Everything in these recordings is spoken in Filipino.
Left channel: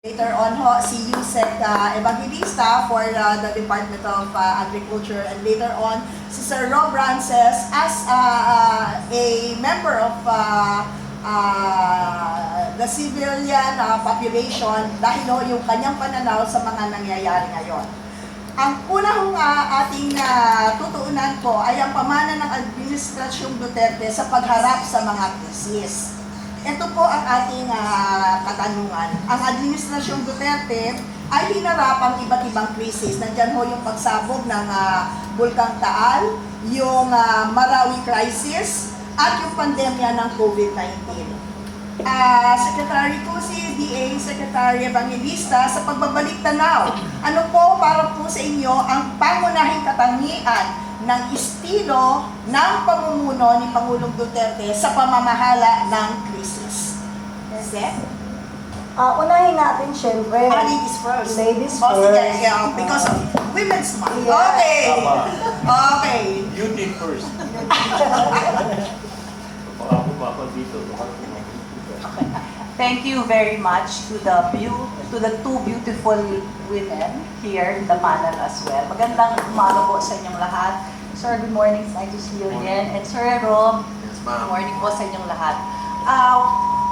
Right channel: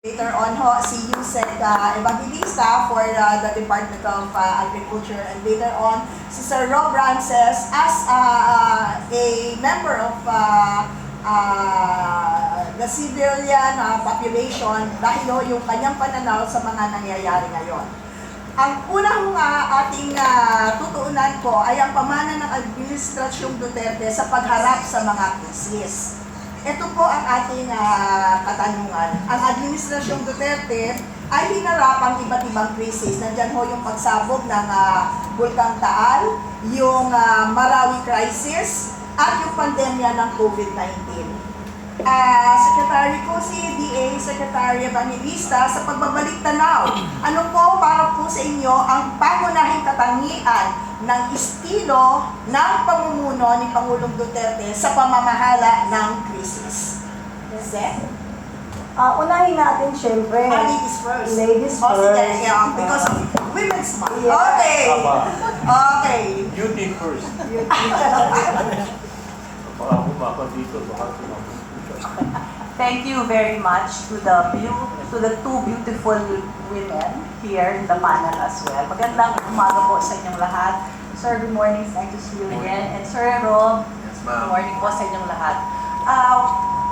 Later on ho, si Yusek Evangelista for the Department of Agriculture, and later on si Sir Rob Rances as a member of the civilian population dahil ho yung kanyang pananaw sa mga nangyayari ngayon. Ang una hong ating tutuunan ko ay ang pamana ng Administrasyong Duterte sa pagharap sa mga krisis. Ito po ang ating katanungan. Ang Administrasyong Duterte ay hinarap ang iba't ibang krisis. Nandyan ho yung pagsabog ng Bulkang Taal, yung Marawi crisis, at yung pandemya ng COVID-19. Secretary ko si DA, Secretary Evangelista, sa pagbabalik tanaw, ano po para po sa inyo ang pangunahing katangian ng estilo ng pamumuno ni Pangulong Duterte sa pamamahala ng krisis? Seth? Unahin natin syempre. Ladies first. Ladies Oh, first. sige, yeah, because women's month. Yeah. Okay. Okay. Beauty first. Baka kumapa dito. Thank you very much to the two beautiful women here in Damanan as well. Magandang umaga po sa inyong lahat. Sir, good morning. It's nice to see you again. And Sir Rob, Yes, good ma'am. morning po sa inyong lahat.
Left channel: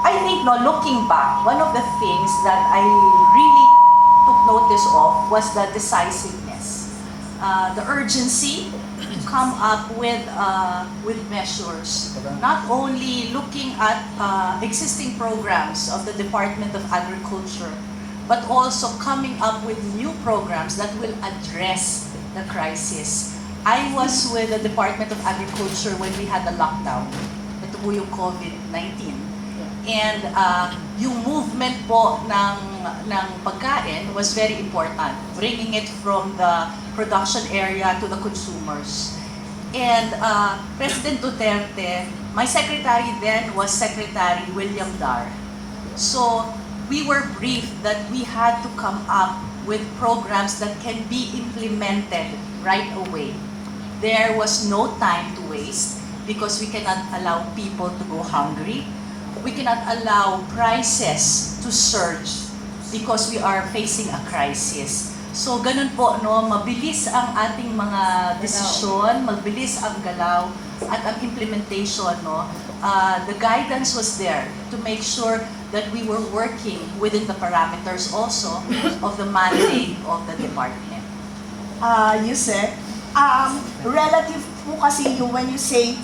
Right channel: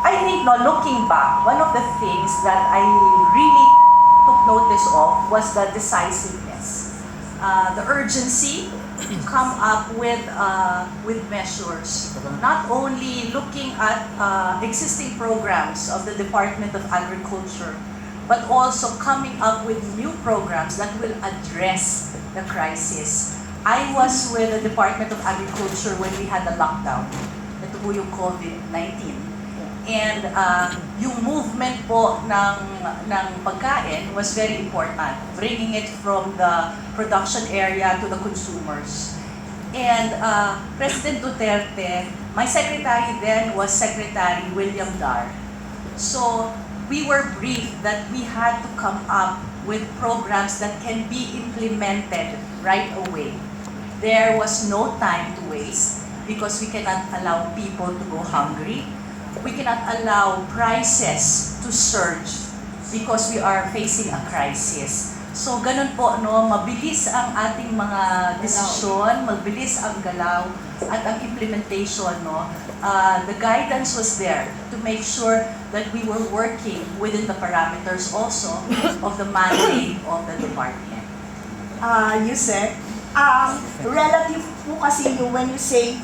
I think, looking back, one of the things that I really took notice of was the decisiveness, the urgency to come up with measures, not only looking at existing programs of the Department of Agriculture, but also coming up with new programs that will address the crisis. I was with the Department of Agriculture when we had the lockdown. Ito po yung COVID-19. And yung movement po ng pagkain was very important, bringing it from the production area to the consumers. And President Duterte, my secretary then was Secretary William Dar. So we were briefed that we had to come up with programs that can be implemented right away. There was no time to waste because we cannot allow people to go hungry. We cannot allow prices to surge because we are facing a crisis. So ganun po, mabilis ang ating mga desisyon, mabilis ang galaw at ang implementation. The guidance was there to make sure that we were working within the parameters also of the mandate of the department. Yusek, relative po kasi yung when you say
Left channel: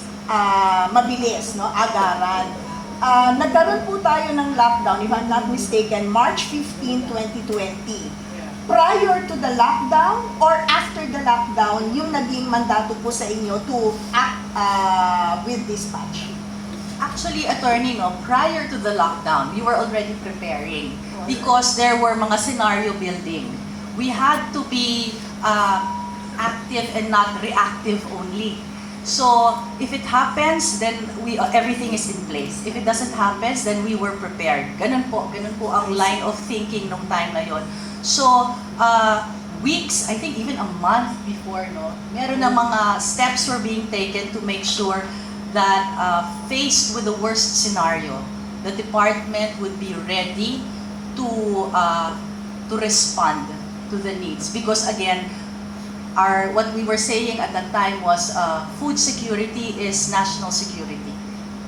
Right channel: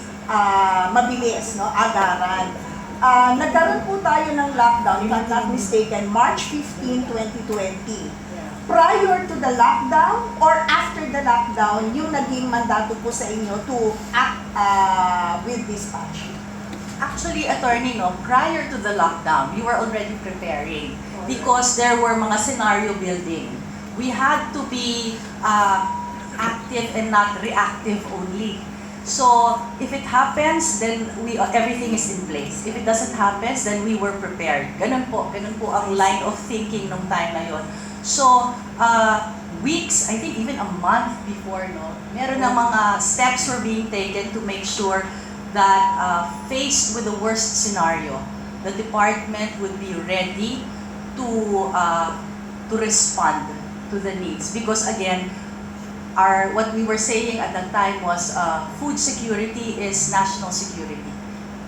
mabilis, agaran. Nagkaroon po tayo ng lockdown, if I'm not mistaken, March 15, 2020. Prior to the lockdown or after the lockdown, yung naging mandato po sa inyo to act with dispatch? Actually, attorney, prior to the lockdown, we were already preparing because there were mga scenario building. We had to be active and not reactive only. So, if it happens, then everything is in place. If it doesn't happen, then we were prepared. Ganun po ang line of thinking nung time na yon. So, weeks, I think even a month before, meron na mga steps were being taken to make sure that faced with the worst scenario, the department would be ready to respond to the needs. Because again, what we were saying at that time was food security is national security.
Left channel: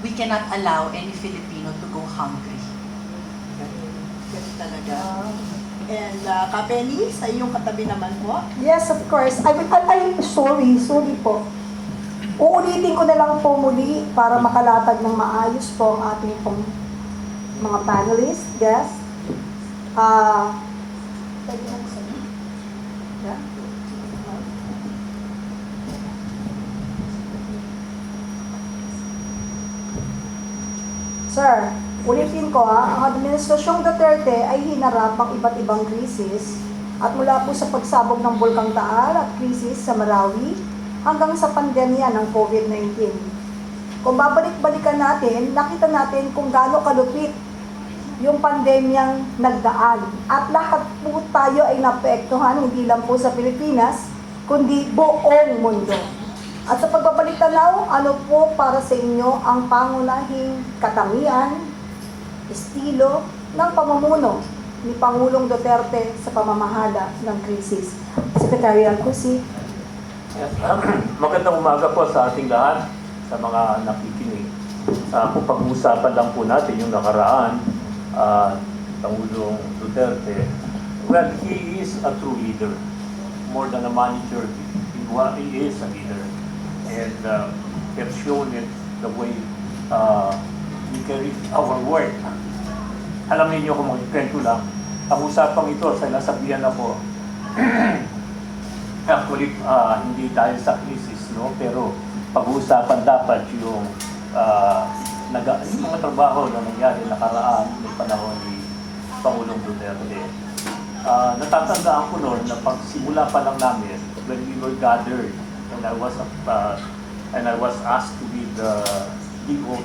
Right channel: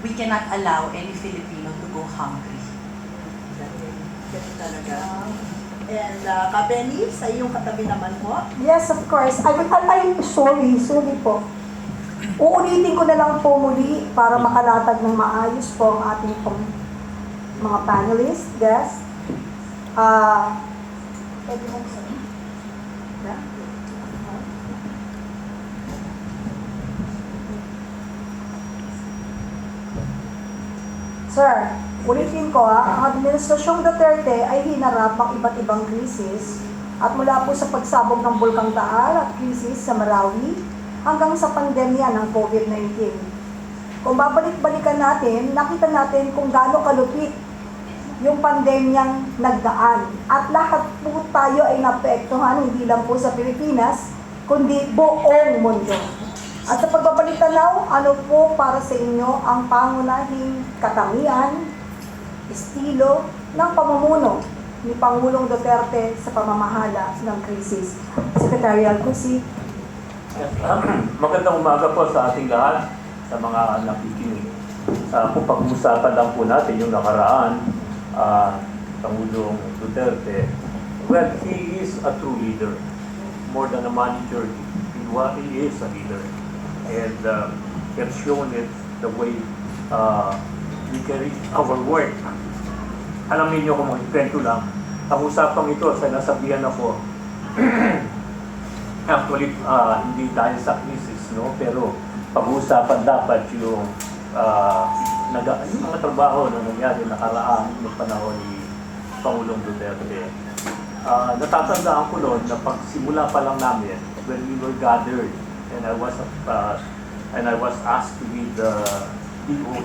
We cannot allow any Filipino to go hungry. Ganun talaga. And Kapeni, sa iyong katabi naman po? Yes, of course. I'm sorry po. Uulitin ko na lang po muli para makalatag ng maayos po ang ating pong mga panelists, guests. Sir, ulitin ko ang Administrasyong Duterte ay hinarap ang iba't ibang krisis at mula po sa pagsabog ng Bulkang Taal at krisis sa Marawi hanggang sa pandemya ng COVID-19. Kung babalik-balikan natin, nakita natin kung gaano kalupit yung pandemyang nagdaan at lahat po tayo ay naapektuhan, hindi lang po sa Pilipinas, kundi buong mundo. At sa pagbabalik tanaw, ano po para sa inyo ang pangunahing katangian, estilo ng pamumuno ni Pangulong Duterte sa pamamahala ng krisis. Secretary Alcusi. Yes. Magandang umaga po sa ating lahat, sa mga nakikinig. Kung pag-uusapan lang po natin yung nakaraan, Pangulong Duterte, well, he is a true leader. More than a manager, he is a leader. And he has shown it the way we carry our work. Alam niyo kung magkwento lang, ang usapang ito, sa nasabihan ako, actually, hindi dahil sa crisis, no? Pero pag-uusapan dapat yung mga trabaho na nangyari nakaraan ng panahon ni Pangulong Duterte. Natatandaan ko noon na pagsimula pa lang namin, when we were gathered, and I was asked to be the DOE,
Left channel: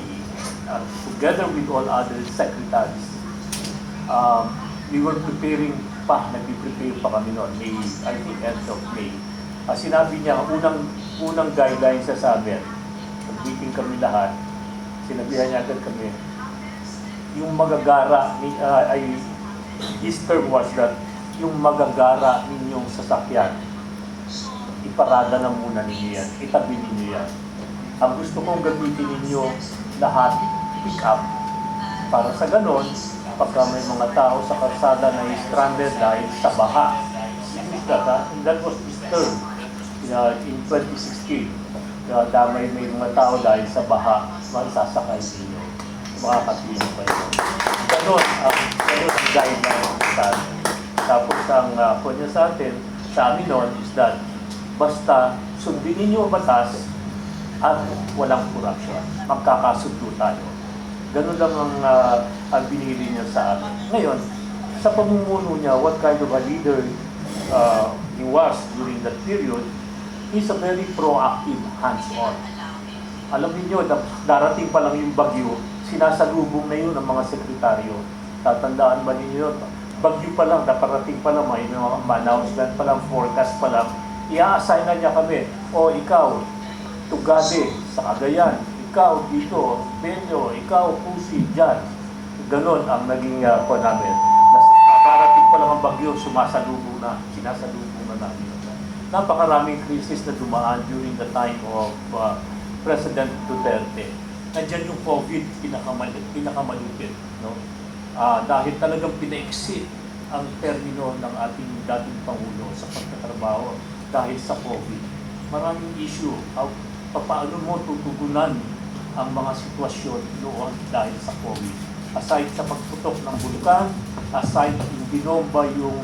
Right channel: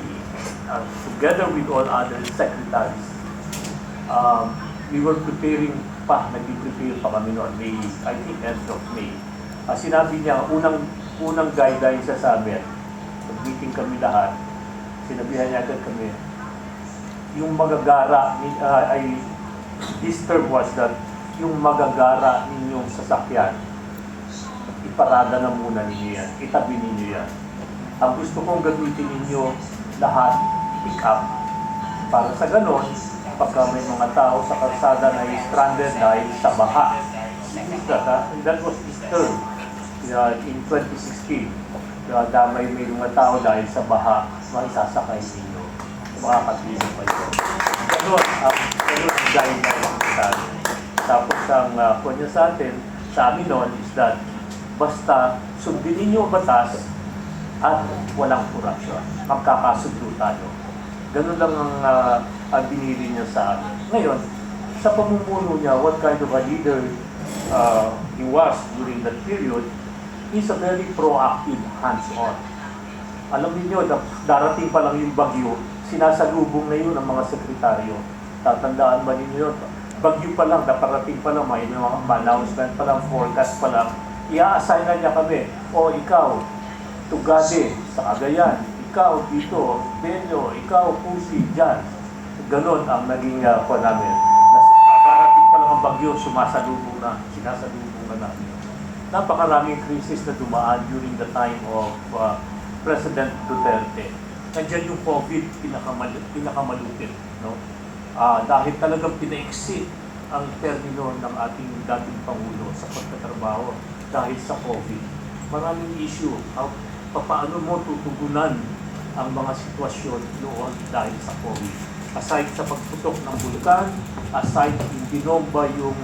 together with all other secretaries. We were preparing nag-prepare pa kami noon, May, I think end of May. Sinabi niya, unang guideline sa amin, nag-meeting kami lahat, sinabihan niya agad kami, yung magagara, his term was that, yung magagara ninyong sasakyan, iparada na muna ninyo yan, itabi ninyo yan. Ang gusto kong gamitin ninyo lahat, pick up, para sa ganon, pagka may mga tao sa kalsada na stranded dahil sa baha. That was his term in 2016. Damay may mga tao dahil sa baha, magsasakay ninyo. Makakapilin kayo. Ganon ang guideline sa atin. Tapos ang kunya sa atin, sa amin noon is that basta sundin ninyo ang batas at walang korupsyon. Magkakasundo tayo. Ganun lang ang binili niya sa amin. Ngayon, sa pamumuno niya, what kind of a leader he was during that period, he's a very proactive, hands-on. Alam niyo, darating pa lang yung bagyo, sinasalubong na yun ng mga sekretaryo. Tatandaan ba ninyo, bagyo pa lang, naparating pa lang, may mga announcement pa lang, forecast pa lang, i-assign na niya kami, o ikaw, Tugade, sa Cagayan, ikaw dito, Benyo, ikaw Pusi, dyan. Ganon ang naging po namin. Nakarating pa lang ang bagyo, sinasalubong na namin. Napakaraming krisis na dumaan during the time of President Duterte. Nandiyan yung COVID, pinakamalupit. No? Dahil talagang pina-exit ang termino ng ating dating Pangulo sa pagtatrabaho dahil sa COVID. Maraming issue. Paano mo tutugunan ang mga sitwasyon noon dahil sa COVID. Aside sa pagputok ng bulkan, aside yung binomba yung